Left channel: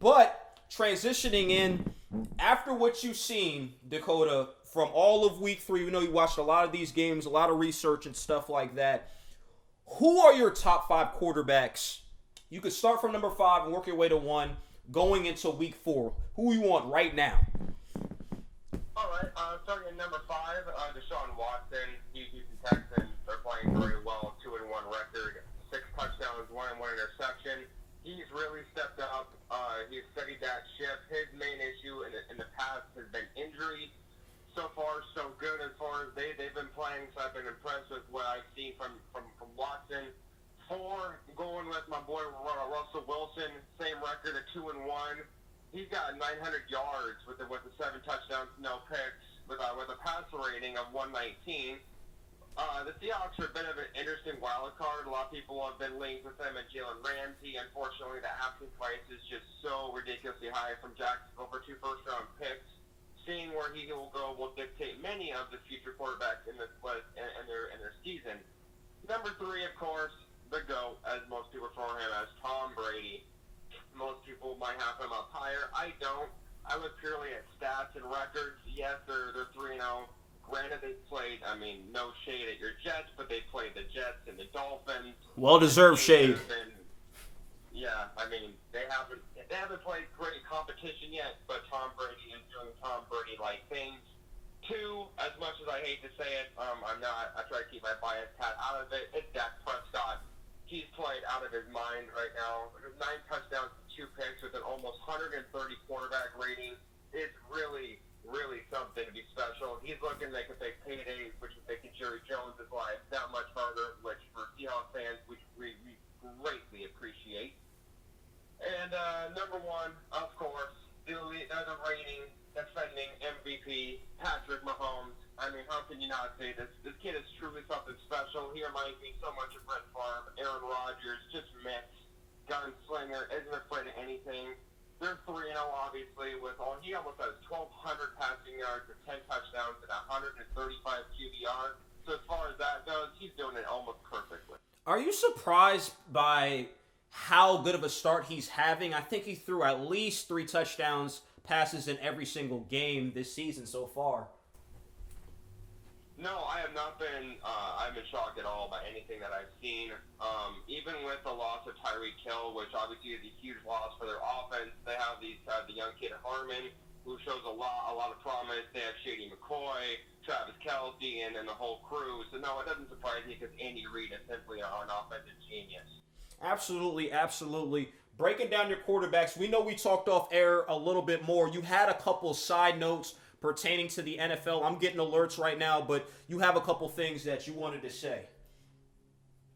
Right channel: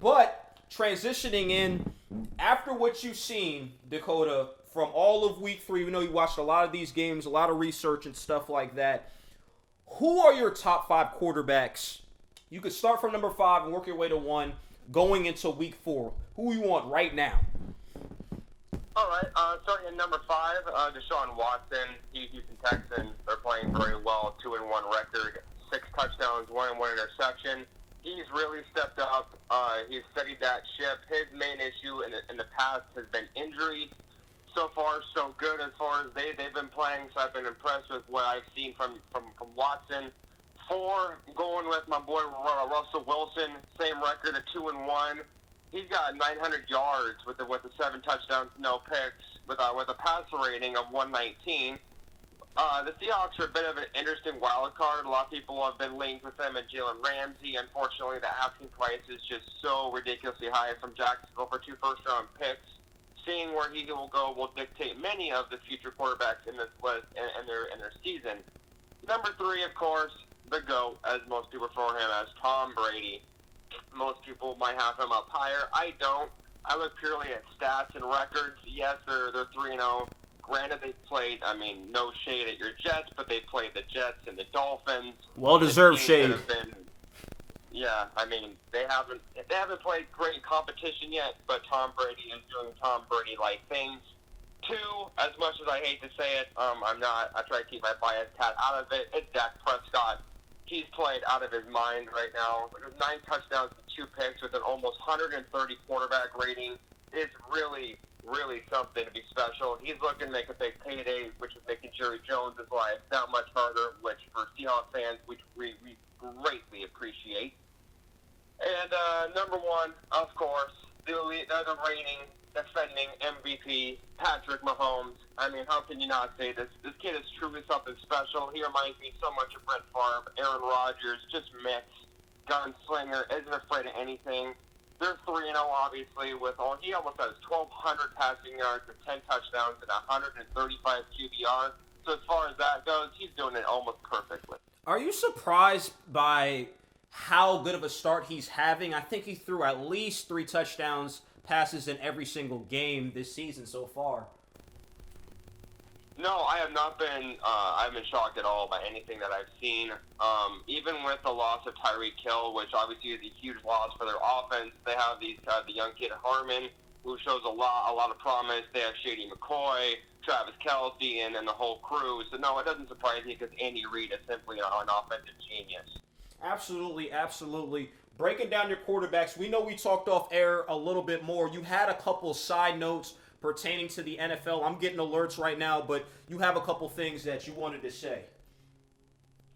But transitioning in, after what you've seen, Dakota, from all of week 3, we know you watched a lot of these games, a lot of research and stuff like that. Who are your top 5 quarterbacks? You could start from number 5 and work your way to 1 going into week 4. Who you want right now? All right, starting at number 5, Deshaun Watson. Houston Texans are playing very well, 2-1 record, 6 touchdowns, 1 interception. He's really stepped up. He's steadied that ship. His main issue in the past has been injuries. So far, so good as far as they've been playing. So I've been impressed with what I've seen from Watson. 4, going with my boy Russell Wilson, same record at 2-1. He's got 900 yards with the 7 touchdowns, no picks, with a passer rating of 119. The Seahawks are a bit of an interesting wild card. A lot of people have been linked with them and Jalen Ramsey. Unfortunately, the asking price is just so ridiculously high from Jacksonville for 2 first-round picks. Seeing where he will go will dictate many of the future quarterbacks in this list and their season. Number 3, of course, the GOAT, as most people refer him as, Tom Brady. Most people might have him up higher. I don't. I look purely at stats and records. Yes, they're 3-0. Granted, they played, no shade at your Jets, but they played the Jets and the Dolphins. Well-deserved shade. They haven't played great competition yet, but Tom Brady is doing Tom Brady-like things. 2, as much as I hate to say it, I try to keep my bias hat out of it. It's Dak Prescott. He's played out of his mind right now. 9 touchdowns and 2 picks with an almost 130 quarterback rating. It's really, really something to be special. He's looking to make a big payday, which is making Jerry Jones' life that much harder, which for Seahawks fans, we greatly appreciate. And number 1, of course, the reigning, defending MVP, Patrick Mahomes. How can you not say this? This kid is truly something special. He reminds me so much of Brett Favre, Aaron Rodgers, just mix, gunslinger, isn't afraid of anything. They're 3-0, obviously, he almost has 1,200 passing yards with 10 touchdowns and 135 QBR. So as far as that goes, he's doing it almost perfectly. Are you surprised by how good of a start he's having? I think he threw at least 3 touchdowns passes in every single game this season so far. No, I have not been. I've been shocked at all by anything that I've seen. Even with the loss of Tyreek Hill, which obviously is a huge loss for their offense, they have the young kid Harmon, who shows a lot of promise. They have Shady McCoy, Travis Kelce, and the whole crew. So no, it doesn't surprise me because Andy Reid is simply an offensive genius. Absolutely, absolutely. Breaking down your quarterbacks, we know we talked off air a little bit more. You had a couple side notes pertaining to the NFL. I'm getting alerts right now, but you have a couple things that you wanted to say.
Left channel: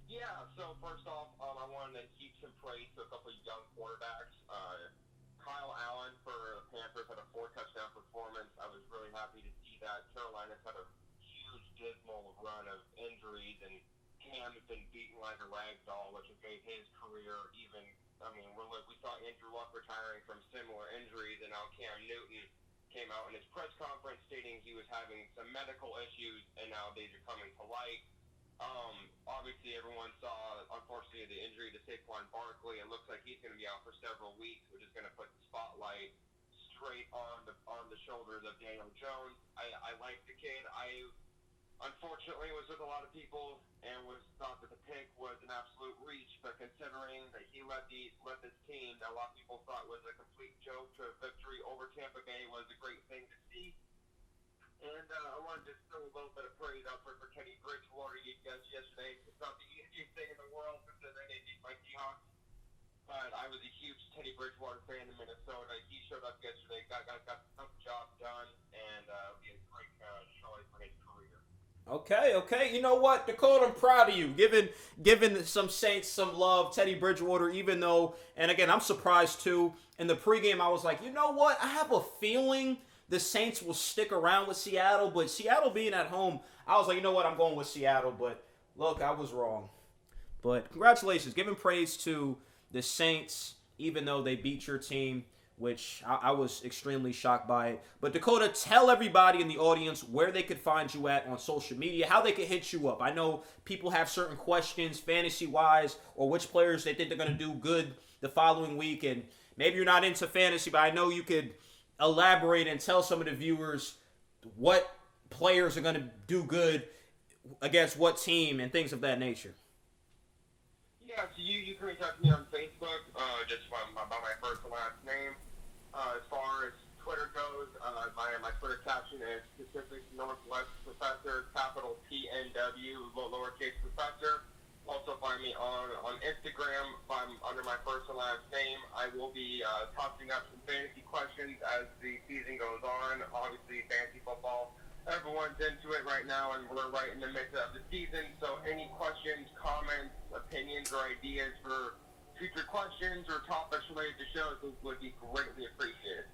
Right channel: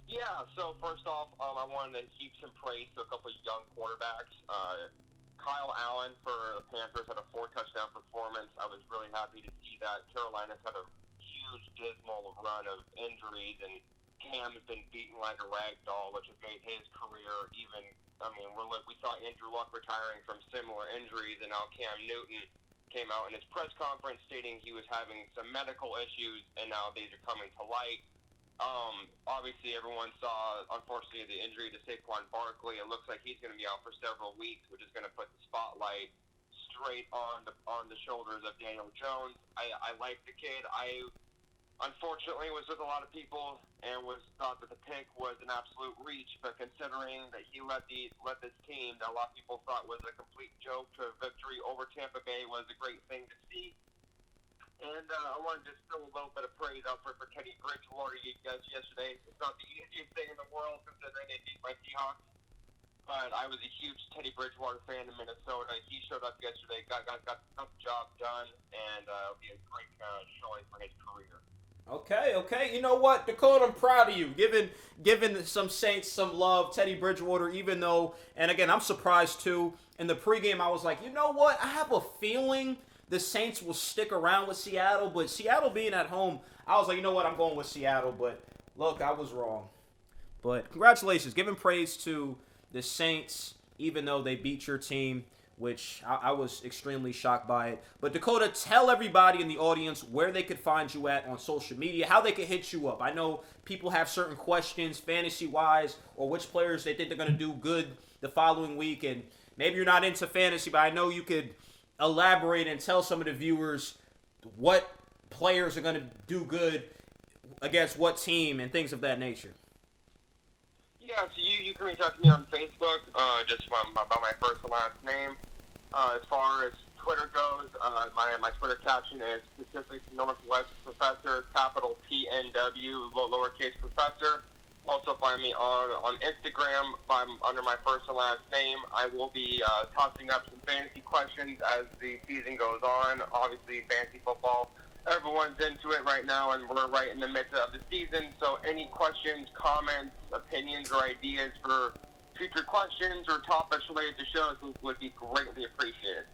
Yeah, so first off, I wanted to heap some praise to a couple of young quarterbacks. Kyle Allen for the Panthers had a 4-touchdown performance. I was really happy to see that. Carolina's had a huge, dismal run of injuries, and Cam has been beaten like a rag doll, which has made his career even. We saw Andrew Luck retiring from similar injuries, and now Cam Newton came out in his press conference stating he was having some medical issues, and now these are coming to light. Obviously, everyone saw, unfortunately, the injury to Saquon Barkley. It looks like he's going to be out for several weeks, which is going to put the spotlight straight on the shoulders of Daniel Jones. I like the kid. I unfortunately was with a lot of people and thought that the pick was an absolute reach, but considering that he led this team that a lot of people thought was a complete joke to a victory over Tampa Bay was a great thing to see. And I wanted to throw a little bit of praise out for Teddy Bridgewater yesterday. It's not the easiest thing in the world considering they beat my Seahawks, but I was a huge Teddy Bridgewater fan in Minnesota. He showed up yesterday, got the job done, and it'll be a great showing for his career. Okay. You know what, Dakota, I'm proud of you. Giving some Saints some love, Teddy Bridgewater, even though, and again, I'm surprised too. In the pregame, I was like, you know what? I have a feeling the Saints will stick around with Seattle, but Seattle being at home, I was like, you know what? I'm going with Seattle, but look, I was wrong. But congratulations. Giving praise to the Saints, even though they beat your team, which I was extremely shocked by it. But Dakota, tell everybody in the audience where they could find you at on social media, how they could hit you up. I know people have certain questions, fantasy-wise, or which players they think they're going to do good the following week, and maybe you're not into fantasy, but I know you could elaborate and tell some of the viewers what players are going to do good against what team and things of that nature. Yeah, so you can reach out to me on Facebook, just by my first and last name. As far as Twitter goes, my Twitter caption is specific Northwest Professor, capital PNW, lowercase Professor. Also find me on Instagram under my first and last name. I will be tossing up some fantasy questions as the season goes on. Obviously, fantasy football, everyone's into it right now, and we're right in the midst of the season. So any questions, comments, opinions, or ideas for future questions or topics related to shows would be greatly appreciated.